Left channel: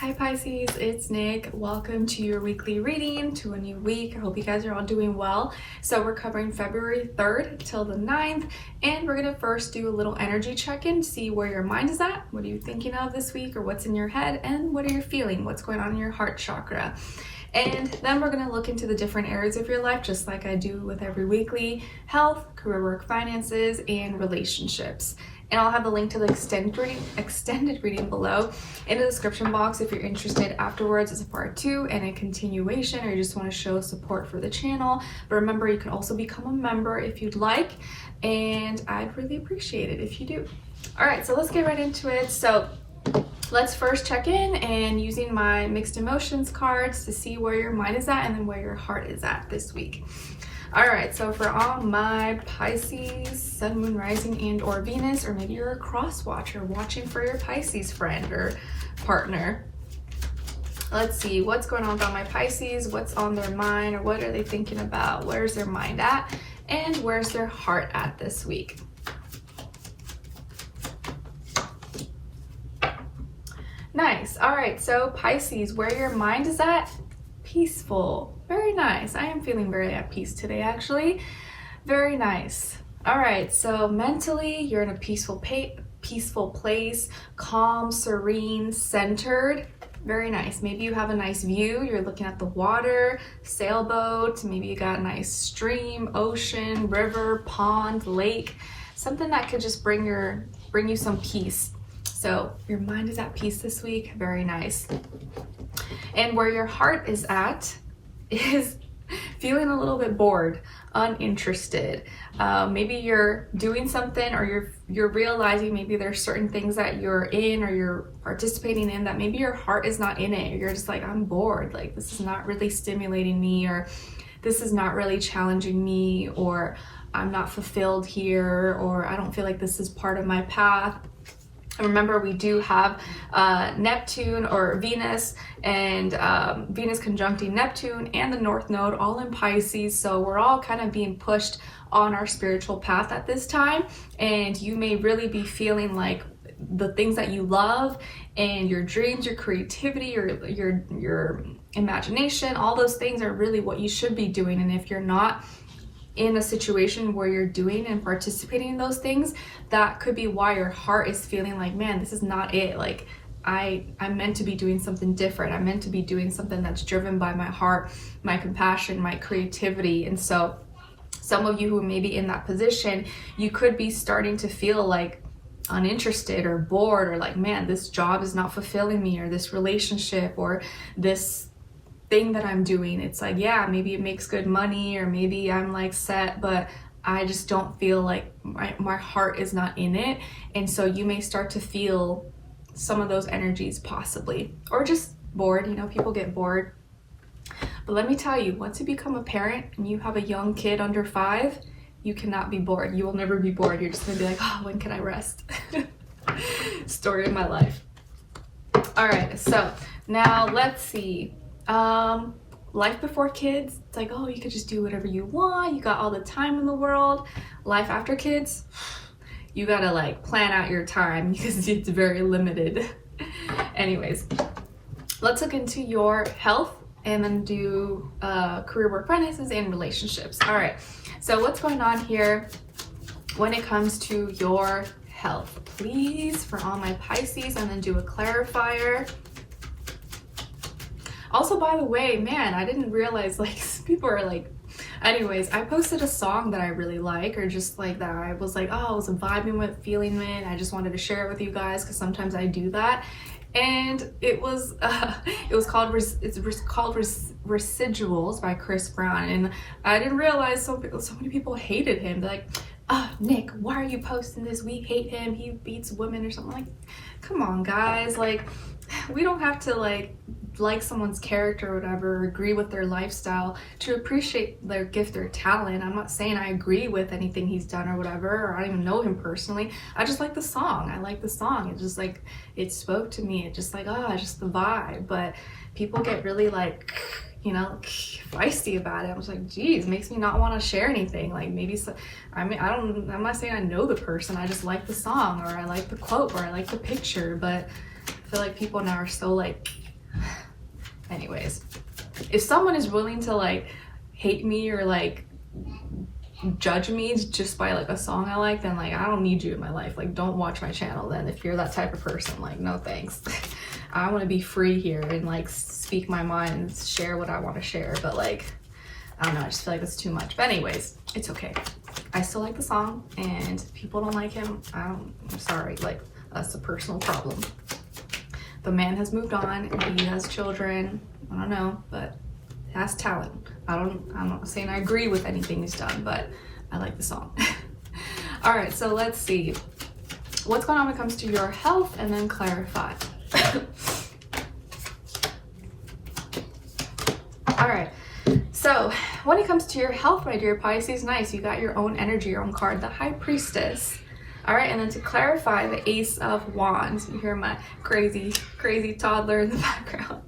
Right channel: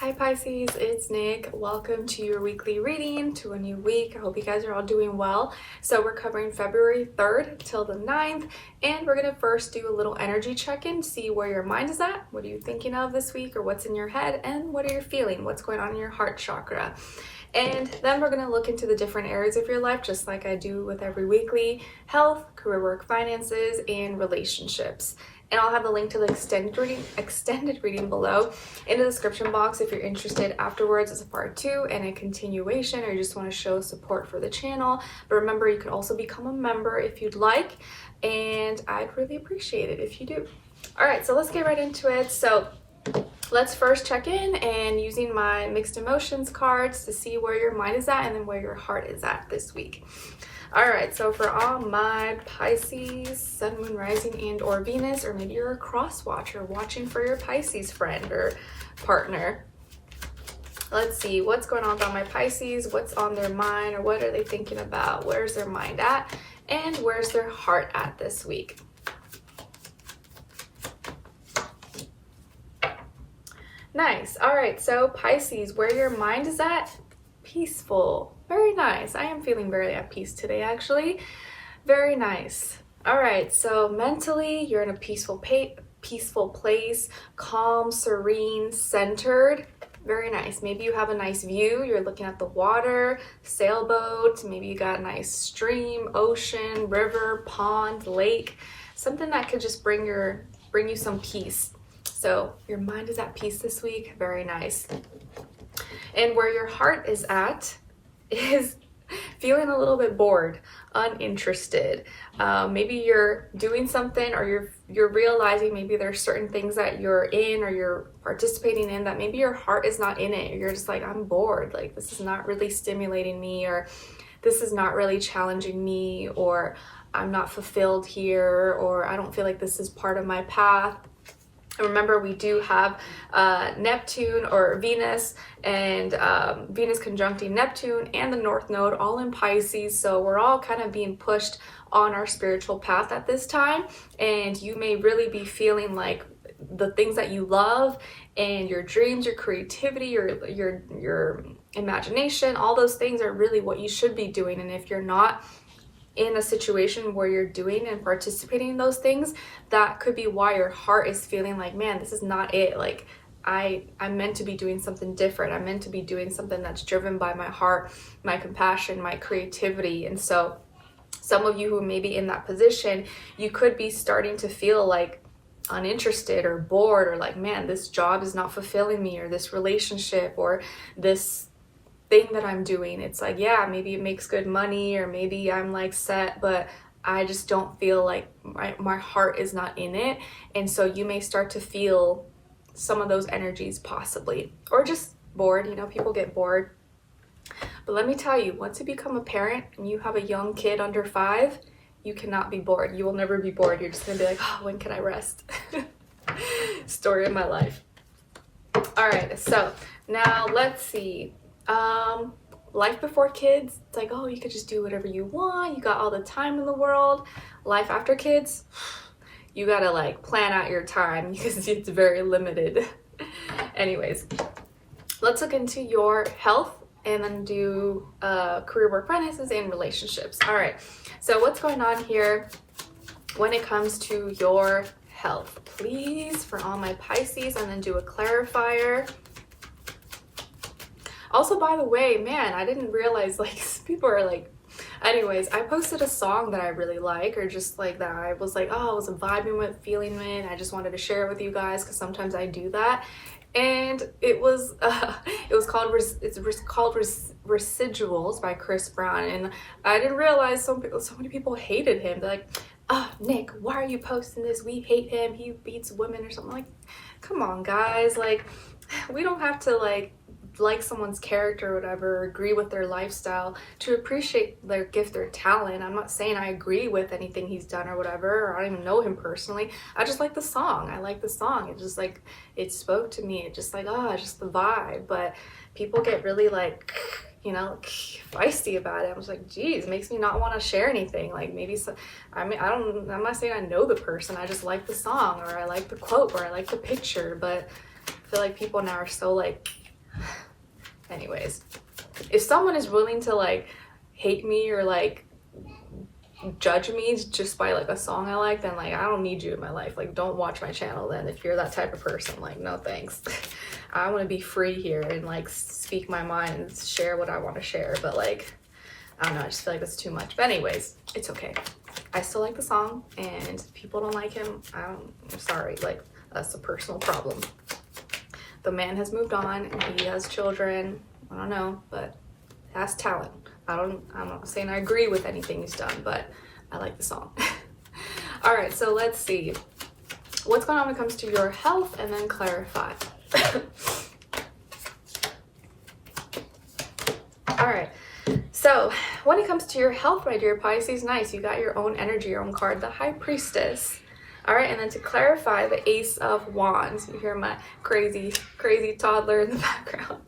Hi Pisces, it's Nick. Welcome to your weekly reading, to a new week. I hope you guys are all doing well. So we're covering February 3rd till the 9th, and we're going to first do a little energy check-in, see where your mind is at, what are you thinking of this week, or what's in your head, and what are you feeling, what's going on in your heart chakra. And then we're going to look into the different areas of your life, just like I do with every weekly: health, career, work, finances, and relationships. And I'll have the link to the extended reading below in the description box if you're interested afterwards as a part 2 and a continuation, or you just want to show support for the channel. But remember, you can also become a member if you'd like, and I'd really appreciate it if you do. All right, so let's get right into it. So let's first check in and using my mixed emotions cards to see where your mind is at and then where your heart is at this week. All right, so for all my Pisces, Sun, Moon, Rising, and or Venus, or maybe you're a cross watcher watching for your Pisces friend or partner. Let's see what's going on about my Pisces, what's on their mind, or what are they thinking about, where's their mind at, and where's their heart at this week. Nice. All right, so Pisces, where your mind is at, peaceful. Very nice. I am feeling very at peace today, actually. Very nice. All right, so mentally, you're in a peaceful place, calm, serene, centered. Very nice. Maybe you have a nice view. You're looking at the water, sailboat. Maybe you got a nice stream, ocean, river, pond, lake. Something that could just bring you some peace. So your mind is at peace this week. Very nice. And where your heart is at is feeling a little bit bored, uninterested. Maybe you're doing something, or you're realizing maybe there's certain things that you're in or you're participating in that maybe your heart is not in it. You're just like, I'm bored. Like, this is not really stimulating me, or this is not really challenging me, or I'm not fulfilled here, or I don't feel like this is part of my path. And remember, we do have Neptune or Venus, and Venus conjuncting Neptune and the North Node all in Pisces. So we're all kind of being pushed on our spiritual path at this time. And you may really be feeling like the things that you love and your dreams, your creativity, your imagination, all those things are really what you should be doing. And if you're not in a situation where you're doing and participating in those things, that could be why your heart is feeling like, man, this is not it. Like, I'm meant to be doing something different. I'm meant to be doing something that's driven by my heart, my compassion, my creativity. And so some of you who may be in that position, you could be starting to feel like uninterested or bored, or like, man, this job is not fulfilling me, or this relationship, or this thing that I'm doing. It's like, yeah, maybe it makes good money, or maybe I'm like set, but I just don't feel like my heart is not in it. And so you may start to feel some of those energies possibly, or just bored. You know, people get bored. But let me tell you, once you become a parent and you have a young kid under 5, you cannot be bored. You will never be bored. You're just gonna be like, oh, when can I rest? Story of my life. All right, so now let's see. Life before kids, it's like, oh, you could just do whatever you want. You got all the time in the world. Life after kids, you gotta like plan out your time because it's very limited. Anyways, let's look into your health and then do career, work, finances, and relationships. All right, so what's going on here when it comes to your health? Please, for all my Pisces, and then do a clarifier. Also, by the way, man, I didn't realize, like, people are like, anyways, I posted a song that I really like, or just like that I was like, oh, I was vibing with, feeling it. I just wanted to share it with you guys because sometimes I do that. And it was called Residuals by Chris Brown. And I didn't realize so many people hated him. They're like, oh, Nick, why are you posting this? We hate him. He beats women or something. Like, come on, guys. Like, we don't have to like someone's character or whatever, or agree with their lifestyle to appreciate their gift or talent. I'm not saying I agree with anything he's done or whatever, or I don't even know him personally. I just like the song. I like the song. It just like, it spoke to me. It just like, oh, just the vibe. But people get really like, you know, feisty about it. I was like, geez, makes me not want to share anything. Like, maybe so, I'm not saying I know the person. I just like the song, or I like the quote, or I like the picture. But I feel like people now are so like anyways, if someone is willing to like hate me or like judge me just by like a song I like, then like I don't need you in my life. Like, don't watch my channel then if you're that type of person. Like, no thanks. I want to be free here and like speak my mind and share what I want to share, but like I don't know, I just feel like that's too much. But anyways, it's okay. I still like the song, and if people don't like him, I'm sorry, like that's a personal problem. The man has moved on and he has children. I don't know, but he has talent. I'm not saying I agree with anything he's done, but I like the song. All right, so let's see what's going on when it comes to your health, and then clarify. All right, so when it comes to your health, my dear Pisces, nice, you got your own energy, your own card, the High Priestess. All right, and then to clarify, the Ace of Wands. You hear my crazy toddler in the background.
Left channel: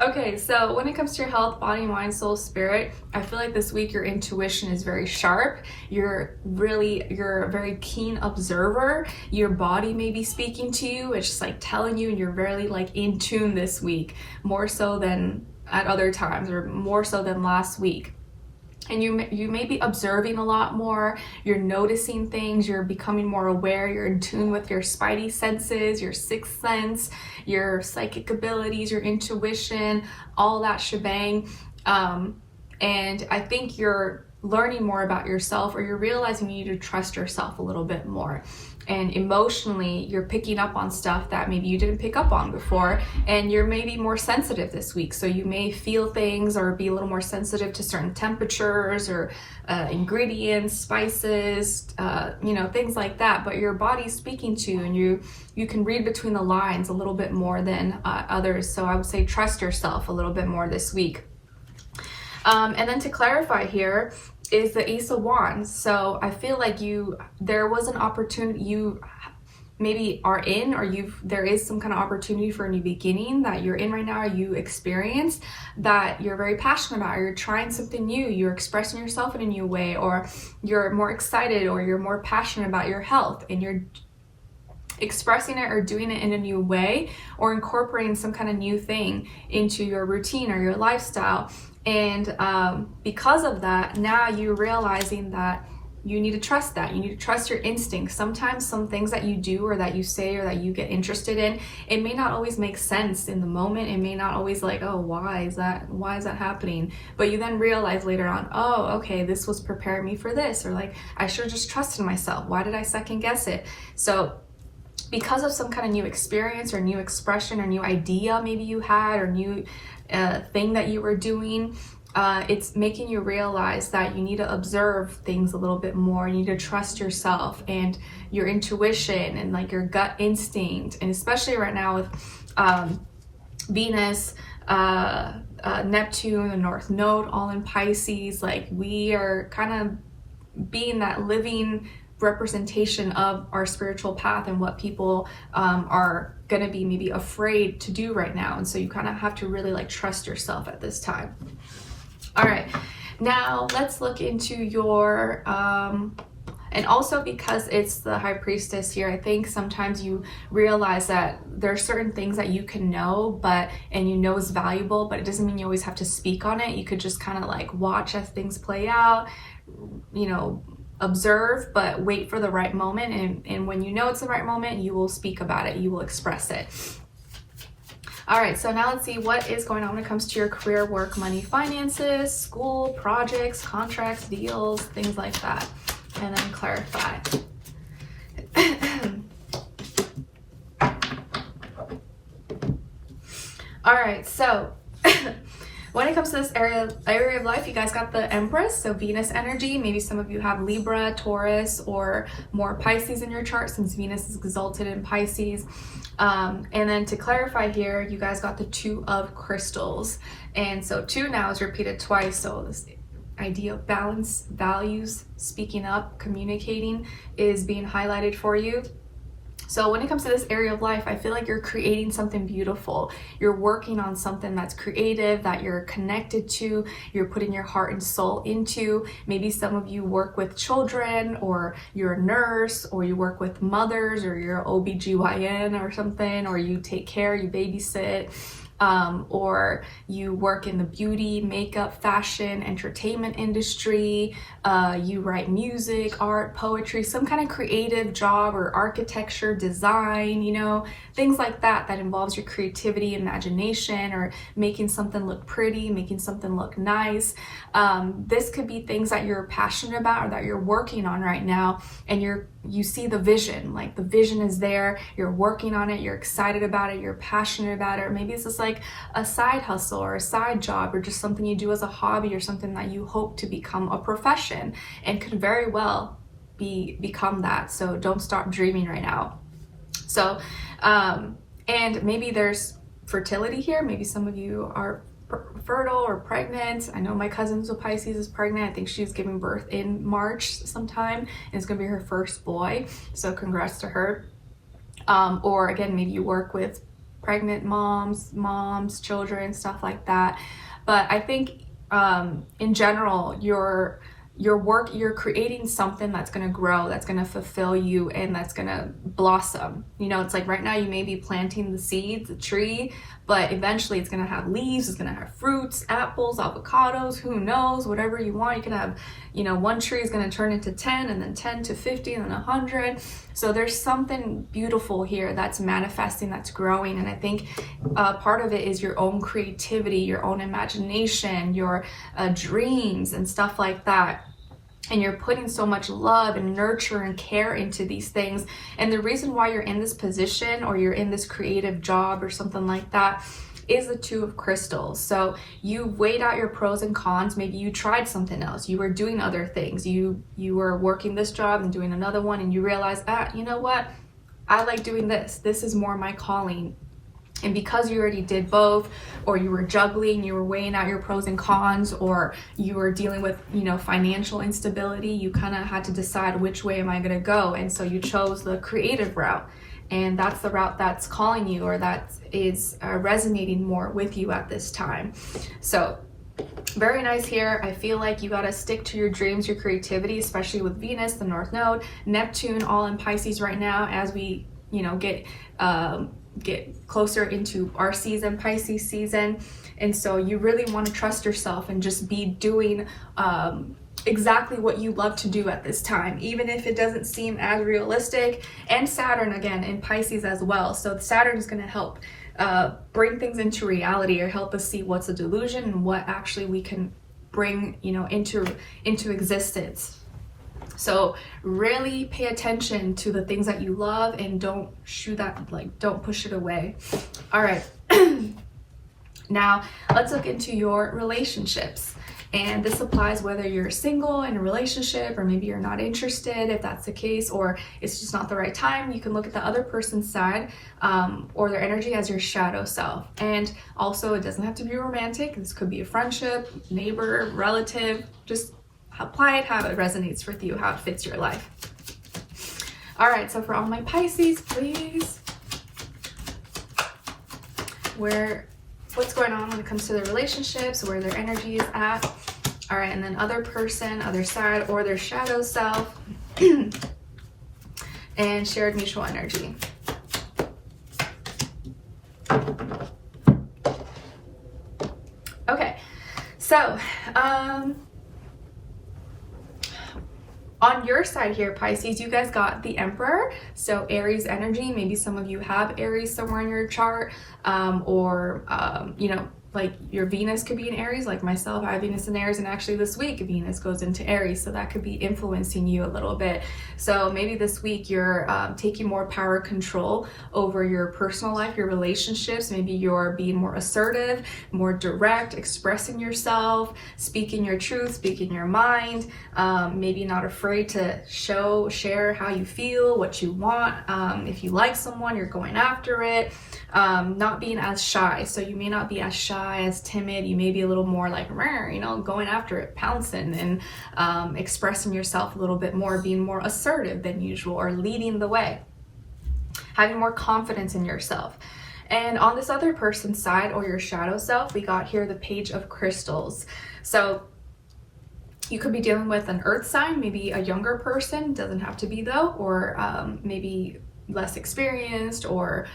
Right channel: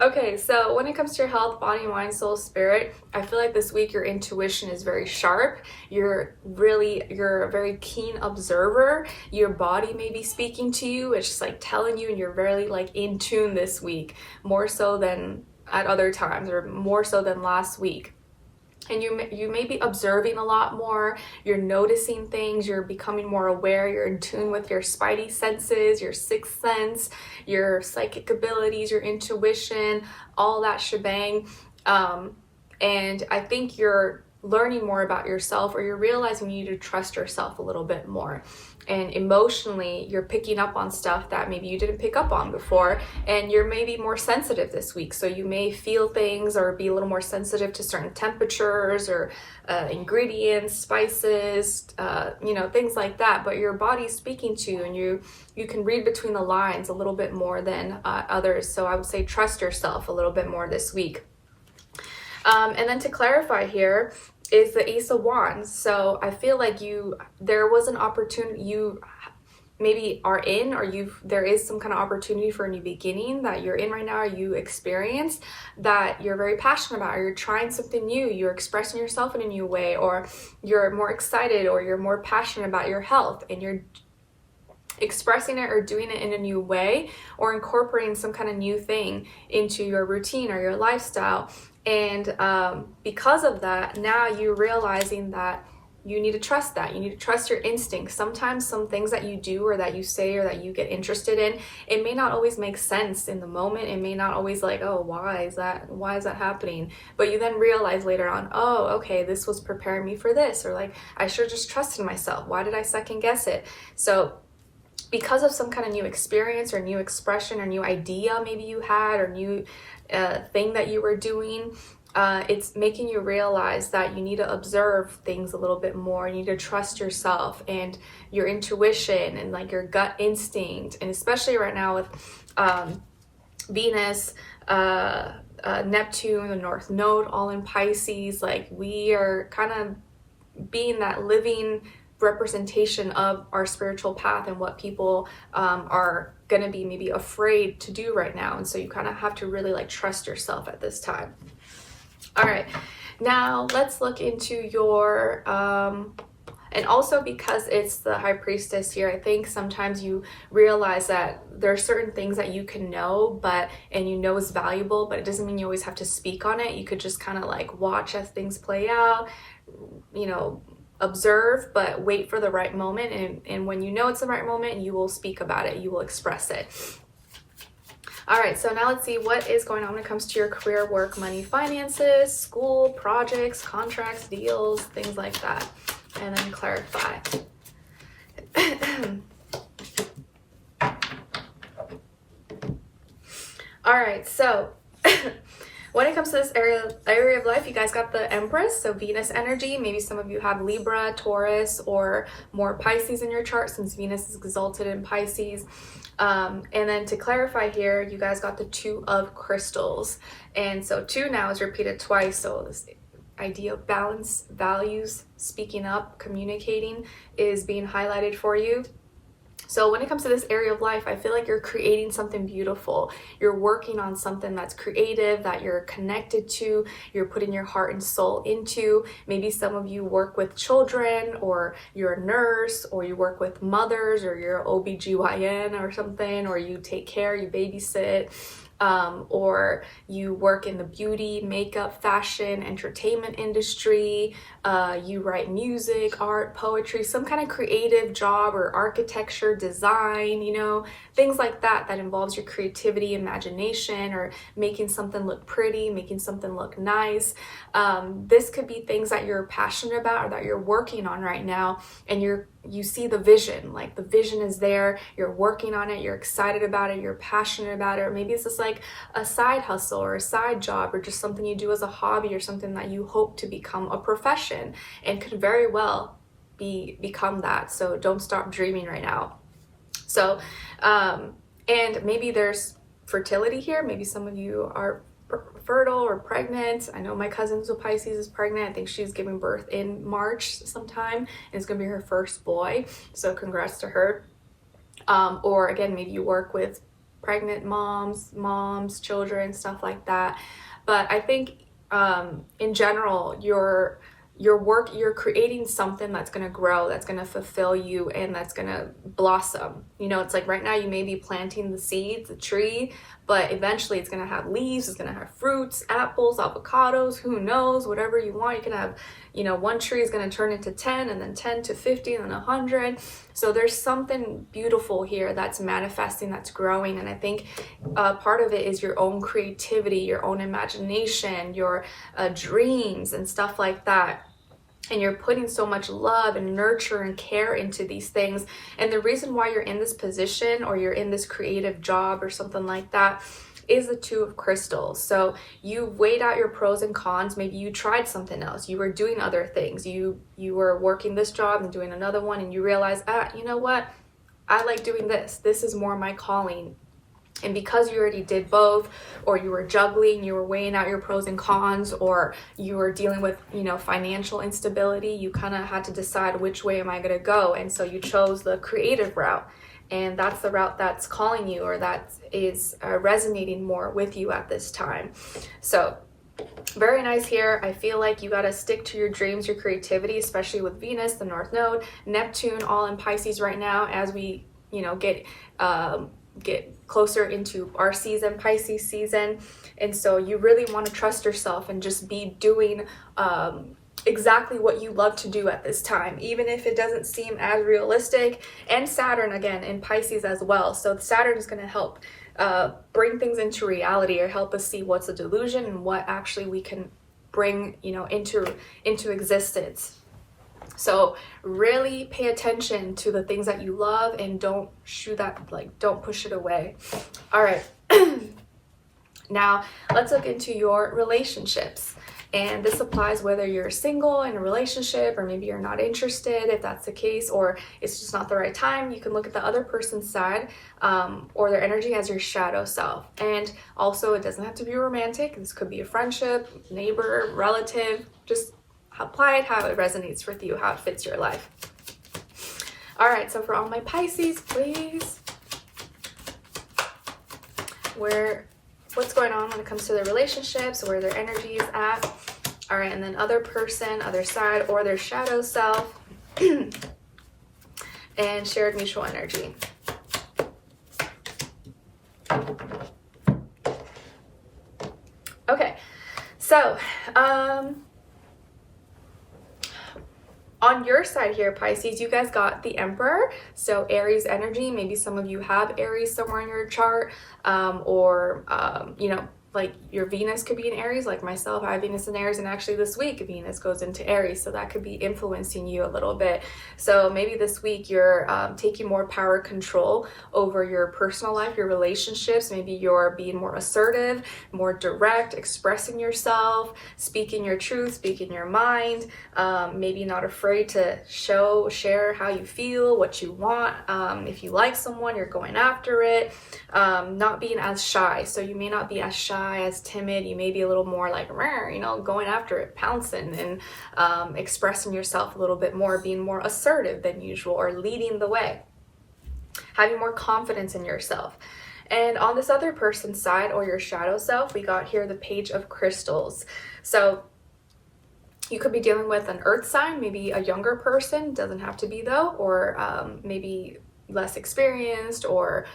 Okay, so when it comes to your health, body, mind, soul, spirit, I feel like this week your intuition is very sharp. You're a very keen observer. Your body may be speaking to you. It's just like telling you, and you're very like in tune this week, more so than at other times, or more so than last week. And you may be observing a lot more. You're noticing things. You're becoming more aware. You're in tune with your spidey senses, your sixth sense, your psychic abilities, your intuition, all that shebang. And I think you're learning more about yourself, or you're realizing you need to trust yourself a little bit more. And emotionally, you're picking up on stuff that maybe you didn't pick up on before, and you're maybe more sensitive this week. So you may feel things or be a little more sensitive to certain temperatures or ingredients, spices, things like that. But your body's speaking to you, and you can read between the lines a little bit more than others. So I would say trust yourself a little bit more this week. And then to clarify here is the Ace of Wands. So I feel like there was an opportunity you maybe are in, or there is some kind of opportunity for a new beginning that you're in right now, or you experience that you're very passionate about, or you're trying something new, you're expressing yourself in a new way, or you're more excited, or you're more passionate about your health, and you're expressing it or doing it in a new way, or incorporating some kind of new thing into your routine or your lifestyle. And because of that, now you're realizing that you need to trust that. You need to trust your instincts. Sometimes some things that you do or that you say or that you get interested in, it may not always make sense in the moment. It may not always like, oh, why is that happening? But you then realize later on, oh, okay, this was preparing me for this, or like, I should have just trusted myself. Why did I second guess it? So because of some kind of new experience or new expression or new idea maybe you had, or new thing that you were doing, it's making you realize that you need to observe things a little bit more. You need to trust yourself and your intuition and like your gut instinct. And especially right now with Venus, Neptune, the North Node, all in Pisces, like we are kind of being that living representation of our spiritual path and what people are going to be maybe afraid to do right now. And so you kind of have to really like trust yourself at this time. All right, now let's look into your and also because it's the High Priestess here, I think sometimes you realize that there are certain things that you can know, and you know is valuable, but it doesn't mean you always have to speak on it. You could just kind of like watch as things play out, observe, but wait for the right moment. And when you know it's the right moment, you will speak about it. You will express it. All right, so now let's see what is going on when it comes to your career, work, money, finances, school, projects, contracts, deals, things like that. And then clarify. All right, so when it comes to this area of life, you guys got the Empress, so Venus energy. Maybe some of you have Libra, Taurus, or more Pisces in your chart, since Venus is exalted in Pisces. And then to clarify here, you guys got the Two of Crystals. And so two now is repeated twice, so this idea of balance, values, speaking up, communicating is being highlighted for you. So when it comes to this area of life, I feel like you're creating something beautiful. You're working on something that's creative, that you're connected to, you're putting your heart and soul into. Maybe some of you work with children, or you're a nurse, or you work with mothers, or you're an OBGYN or something, or you take care, you babysit. or you work in the beauty, makeup, fashion, entertainment industry, you write music, art, poetry, some kind of creative job, or architecture, design, you know, things like that that involves your creativity, imagination, or making something look pretty, making something look nice. This could be things that you're passionate about or that you're working on right now, and you see the vision, like the vision is there, you're working on it, you're excited about it, you're passionate about it, or maybe it's just like a side hustle or a side job, or just something you do as a hobby, or something that you hope to become a profession, and could very well become that. So don't stop dreaming right now. So and maybe there's fertility here. Maybe some of you are fertile or pregnant. I know my cousin with Pisces is pregnant. I think she's giving birth in March sometime, and it's gonna be her first boy, so congrats to her. Or again, maybe you work with pregnant moms, children, stuff like that. But I think in general, your work, you're creating something that's going to grow, that's going to fulfill you, and that's going to blossom. You know, it's like right now you may be planting the seeds, the tree, but eventually it's going to have leaves, it's going to have fruits, apples, avocados, who knows, whatever you want. You can have, you know, one tree is going to turn into 10, and then 10 to 50, and then 100. So there's something beautiful here that's manifesting, that's growing. And I think part of it is your own creativity, your own imagination, your dreams and stuff like that. And you're putting so much love and nurture and care into these things. And the reason why you're in this position, or you're in this creative job or something like that, is the Two of Crystals. So you weighed out your pros and cons. Maybe you tried something else, you were doing other things, you were working this job and doing another one, and you realized, you know what, I like doing this is more my calling. And because you already did both, or you were juggling, you were weighing out your pros and cons, or you were dealing with, you know, financial instability, you kind of had to decide, which way am I going to go? And so you chose the creative route, and that's the route that's calling you, or that is resonating more with you at this time. So very nice here. I feel like you got to stick to your dreams, your creativity, especially with Venus, the North Node, Neptune, all in Pisces right now, as we, you know, get closer into our season, Pisces season. And so you really want to trust yourself and just be doing exactly what you love to do at this time, even if it doesn't seem as realistic. And Saturn again in Pisces as well, so Saturn is going to help bring things into reality, or help us see what's a delusion and what actually we can bring, you know, into existence. So really pay attention to the things that you love, and don't don't push it away. All right. Now let's look into your relationships. And this applies whether you're single in a relationship, or maybe you're not interested, if that's the case, or it's just not the right time. You can look at the other person's side, or their energy, as your shadow self. And also, it doesn't have to be romantic. This could be a friendship, neighbor, relative. Just apply it how it resonates with you, how it fits your life. All right, so for all my Pisces, please, what's going on when it comes to their relationships, where their energy is at. All right, and then other person, other side, or their shadow self, and shared mutual energy. Okay, so on your side here, Pisces, you guys got the Emperor, so Aries energy. Maybe some of you have Aries somewhere in your chart, or you know, like your Venus could be in Aries, like myself, I have Venus in Aries, and actually this week Venus goes into Aries, so that could be influencing you a little bit. So maybe this week you're taking more power control over your personal life, your relationships. Maybe you're being more assertive, more direct, expressing yourself, speaking your truth, speaking your mind, maybe not afraid to share how you feel, what you want. If you like someone, you're going after it. Not being as shy, so you may not be as shy, as timid. You may be a little more like, you know, going after it, pouncing, and expressing yourself a little bit more, being more assertive than usual, or leading the way, having more confidence in yourself. And on this other person's side, or your shadow self, we got here the Page of Crystals. So you could be dealing with an earth sign, maybe a younger person, doesn't have to be though, or maybe less experienced, or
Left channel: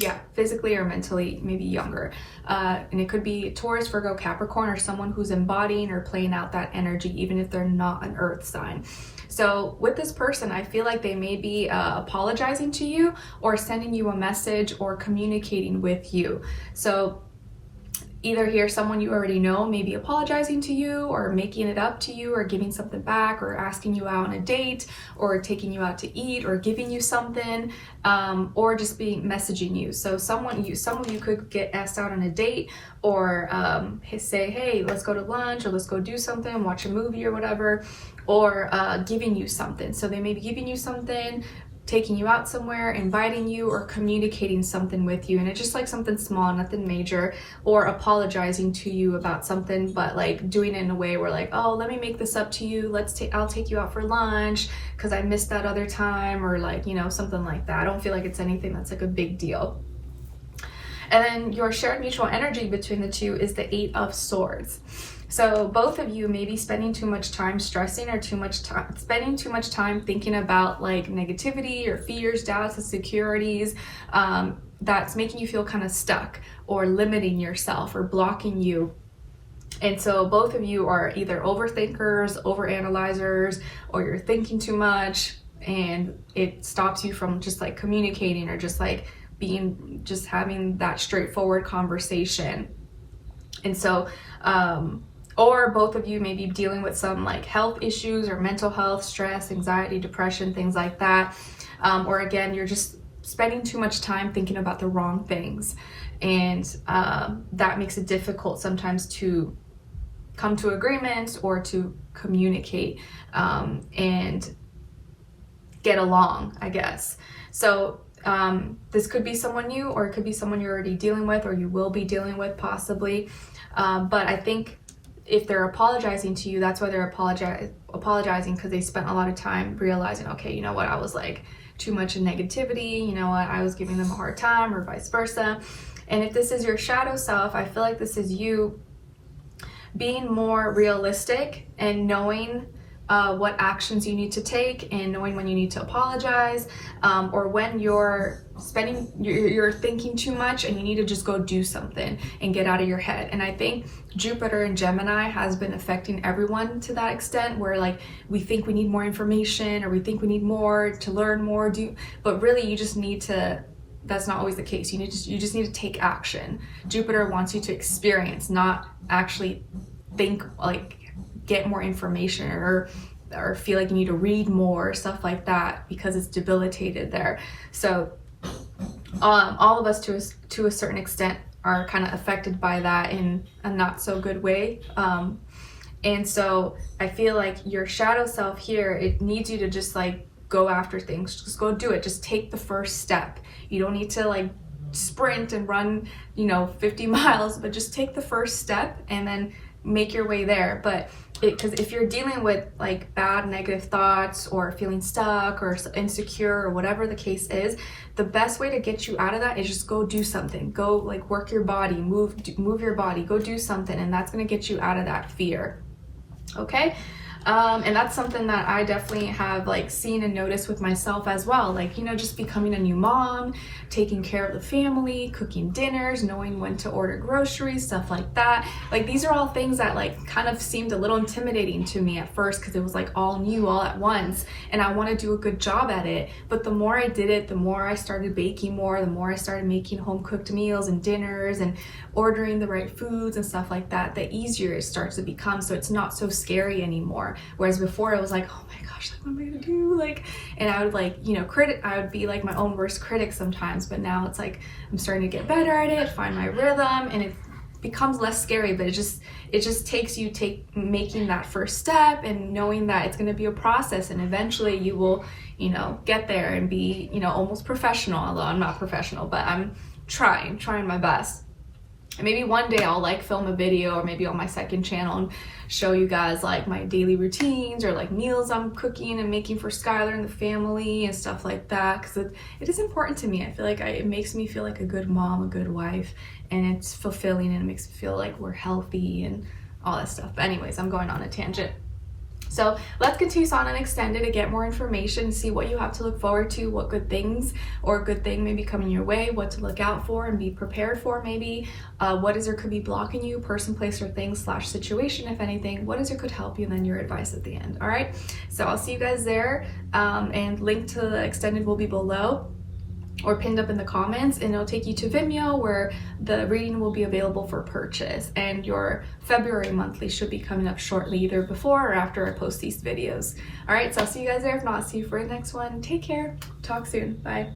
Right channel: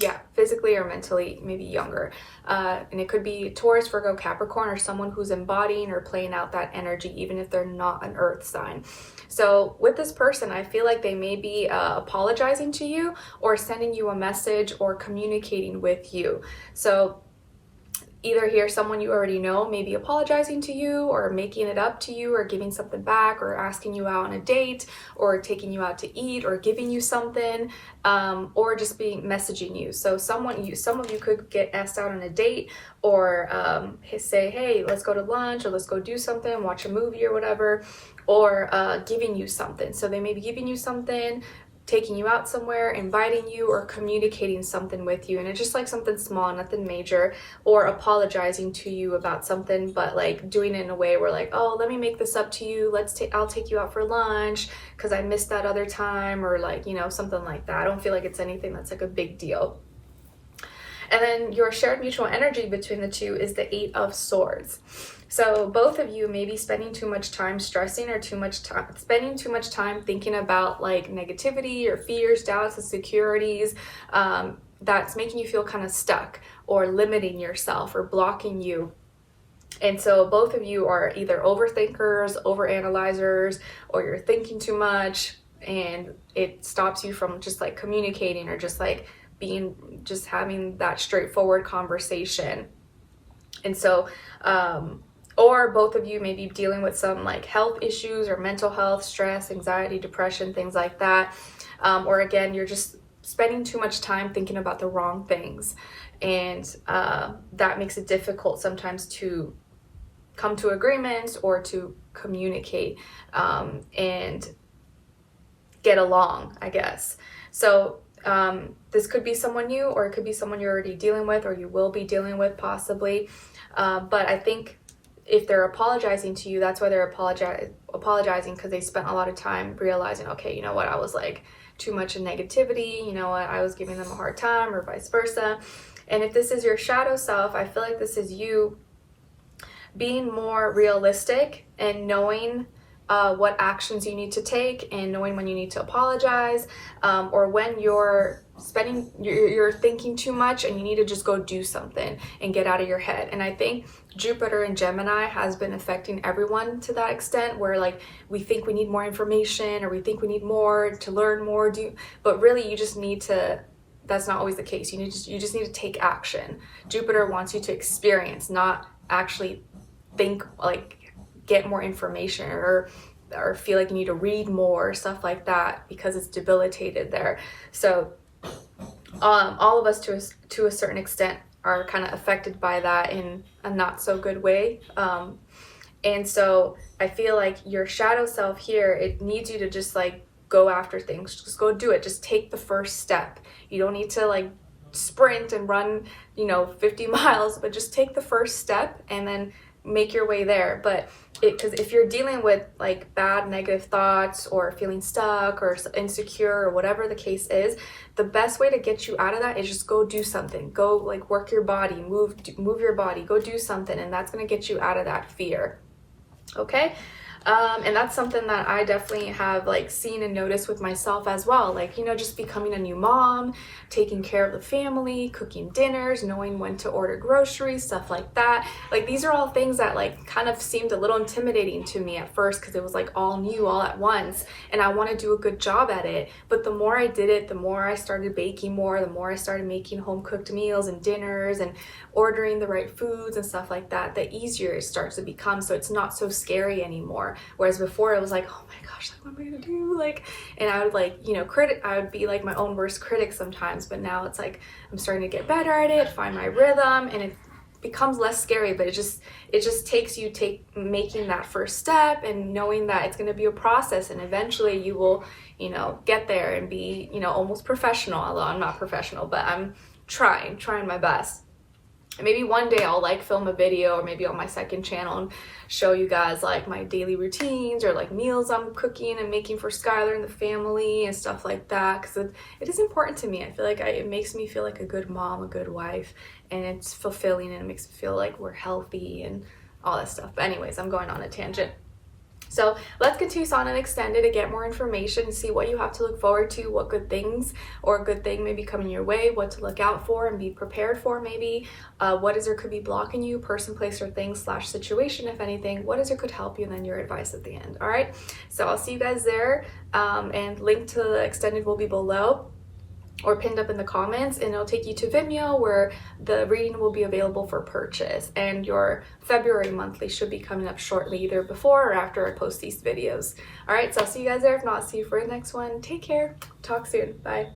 Yeah, physically or mentally, maybe younger. And it could be Taurus, Virgo, Capricorn, or someone who's embodying or playing out that energy, even if they're not an earth sign. So with this person, I feel like they may be apologizing to you or sending you a message or communicating with you. So either hear someone you already know maybe apologizing to you or making it up to you or giving something back or asking you out on a date or taking you out to eat or giving you something, or just messaging you. So some of you could get asked out on a date or say, hey, let's go to lunch or let's go do something, watch a movie or whatever, or giving you something. So they may be giving you something, taking you out somewhere, inviting you, or communicating something with you, and it's just like something small, nothing major, or apologizing to you about something, but like doing it in a way where like, oh, let me make this up to you, I'll take you out for lunch because I missed that other time, or like, you know, something like that. I don't feel like it's anything that's like a big deal. And then your shared mutual energy between the two is the 8 of Swords. So both of you may be spending too much time stressing or spending too much time thinking about like negativity or fears, doubts, insecurities, that's making you feel kind of stuck or limiting yourself or blocking you. And so both of you are either overthinkers, overanalyzers, or you're thinking too much and it stops you from just like communicating or just like having that straightforward conversation. And so, or both of you may be dealing with some like health issues or mental health, stress, anxiety, depression, things like that. Or again, you're just spending too much time thinking about the wrong things. And that makes it difficult sometimes to come to agreements or to communicate and get along, I guess. So this could be someone new, or it could be someone you're already dealing with, or you will be dealing with possibly. But I think if they're apologizing to you, that's why they're apologizing, because they spent a lot of time realizing, okay, you know what, I was like too much in negativity, you know what, I was giving them a hard time, or vice versa. And if this is your shadow self, I feel like this is you being more realistic and knowing what actions you need to take, and knowing when you need to apologize, or when you're thinking too much and you need to just go do something and get out of your head. And I think Jupiter in Gemini has been affecting everyone to that extent, where like we think we need more information, or we think we need more to learn more, but really you just need to, that's not always the case. You just need to take action. Jupiter wants you to experience, not actually think, like get more information or feel like you need to read more, stuff like that, because it's debilitated there. So all of us to a certain extent are kind of affected by that in a not so good way. And so I feel like your shadow self here, it needs you to just like go after things, just go do it, just take the first step. You don't need to like sprint and run, 50 miles, but just take the first step and then make your way there. But because if you're dealing with like bad negative thoughts or feeling stuck or insecure or whatever the case is, the best way to get you out of that is just go do something. Go like work your body, move your body, go do something, and that's going to get you out of that fear. Okay? And that's something that I definitely have like seen and noticed with myself as well. Like, just becoming a new mom, taking care of the family, cooking dinners, knowing when to order groceries, stuff like that. Like, these are all things that like kind of seemed a little intimidating to me at first, because it was like all new all at once, and I want to do a good job at it. But the more I did it, the more I started baking more, the more I started making home cooked meals and dinners and ordering the right foods and stuff like that, the easier it starts to become. So it's not so scary anymore. Whereas before it was like, oh my gosh, like what am I gonna do? Like, and I would like, I would be like my own worst critic sometimes, but now it's like, I'm starting to get better at it, find my rhythm, and it becomes less scary. But it just takes you making that first step and knowing that it's gonna be a process, and eventually you will, get there and be, almost professional, although I'm not professional, but I'm trying my best. And maybe one day I'll like film a video, or maybe on my second channel, and show you guys like my daily routines or like meals I'm cooking and making for Skylar and the family and stuff like that, because it is important to me. I feel like it makes me feel like a good mom, a good wife, and it's fulfilling, and it makes me feel like we're healthy and all that stuff. But anyways, I'm going on a tangent. So let's continue on and extended to get more information, see what you have to look forward to, what good things or good thing may be coming your way, what to look out for and be prepared for maybe, what is or could be blocking you, person, place, or thing / situation, if anything, what is or could help you, and then your advice at the end. All right, so I'll see you guys there, and link to the extended will be below or pinned up in the comments, and it'll take you to Vimeo where the reading will be available for purchase, and your February monthly should be coming up shortly, either before or after I post these videos. All right, so I'll see you guys there. If not, I'll see you for the next one. Take care. Talk soon. Bye.